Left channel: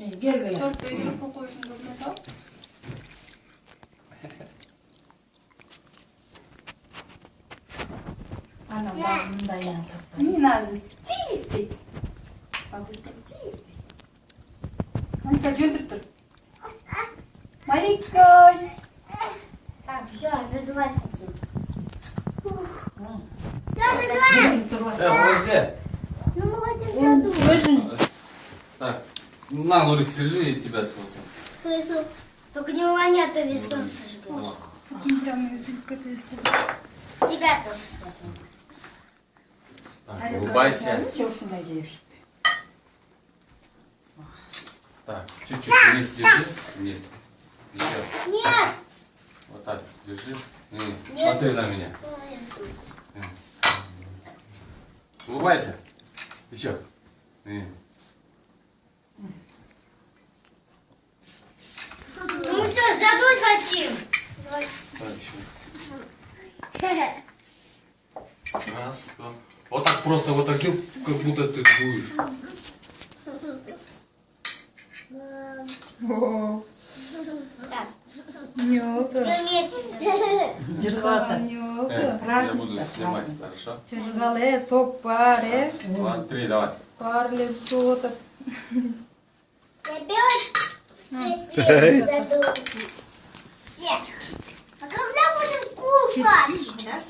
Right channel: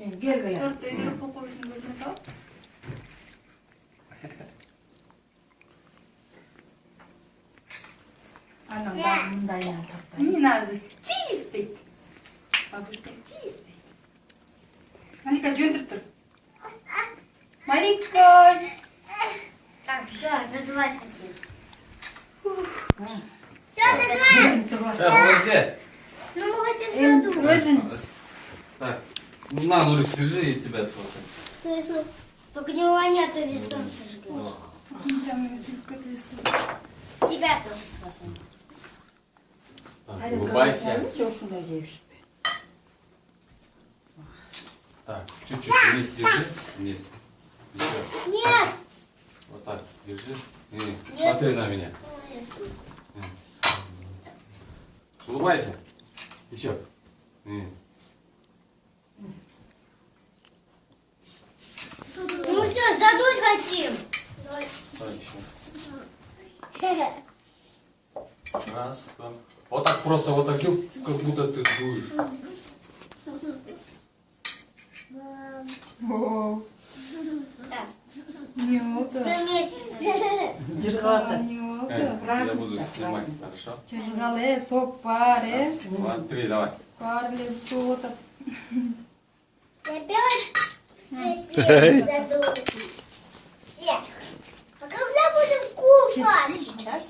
Gel böyle. Tortayı da koysun gözüne tak. Anam ben bunu da yine taktım. Minazis, чистый. Бабушка, чистый. Малика, что ты тут? Маликось. Так, все, задувать хотим. Все, Benim задуваем. turvası. Подожди. Ну, мы хотим задуть. Özün. Так, ну на, Нурис, держи, и тебя сфотаю. Хорошо. Только не урони, а то весь дом сожгешь. Давай. Какие там язык Тебя тоже смотрим. Так, улыбайся. Çok şuna gevşek. Так, чуть-чуть вниз держи. Вниз. Еще. Нет. Вот так, держи. Смотри на меня. Улыбайся. Еще. Ну все, задуть хотим. Так, еще. Раз, два. Вот так просто, вот так делай, как будто ты дуешь. О, Так, нёта. все вместе. Cırgata. Нёта. Я буду снимать, хорошо? Çocuklar, sok pare. Два, три, давай. Парлес, что-то. Опять все задуть. Все. А когда будем кушать? Сейчас.